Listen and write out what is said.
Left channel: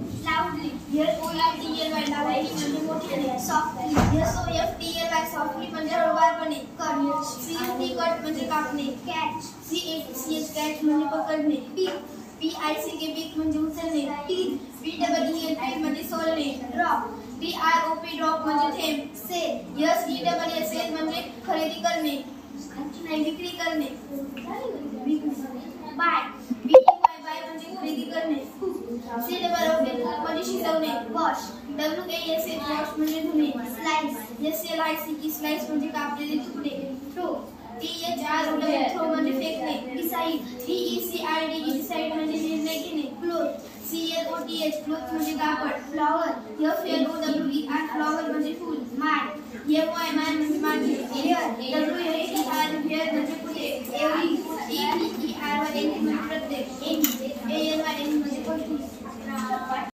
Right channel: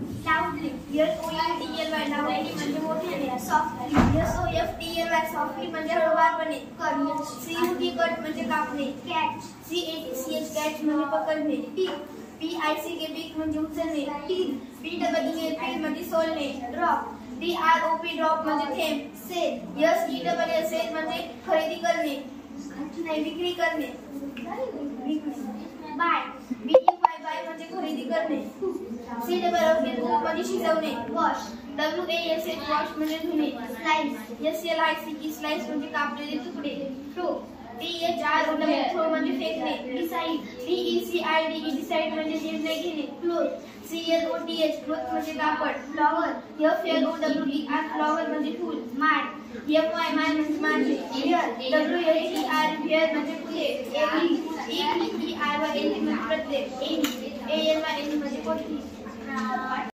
लाऊडली. SOULDLY लाऊडली म्हणजे मोठ्याने. Softly. SOFTLY softly म्हणजे हळूवारपणे. कट. CUT म्हणजे कापणे. कॅच. CATCH कॅच म्हणजे पकडणे. PICK पीक म्हणजे उचलणे. PEEL म्हणजे सोलणे. ड्रॉप. DROP ड्रॉप म्हणजे थेंब. सेल. सेल म्हणजे खरेदी करणे. विक्री करणे. बाय. बाय म्हणजे खरेदी करणे. COOK म्हणजे शिजवणे. वॉश. WASH वॉश म्हणजे धुणे. स्लाइस. SLICE स्लाइस म्हणजे कापलेले तुकडे. थ्रो. THROW थ्रो म्हणजे फेकणे. डिसाइड. DECIDE म्हणजे निर्णय घेणे. क्लोथ. CLOTH क्लोथ म्हणजे कापड. फ्लॉवर. FLOWER फ्लॉवर म्हणजे फूल. माय. MY म्हणजे माझे. हेअर. WHER हेअर म्हणजे फुले. एव्हरी. EVERY म्हणजे प्रत्येक. ANY म्हणजे कोठली.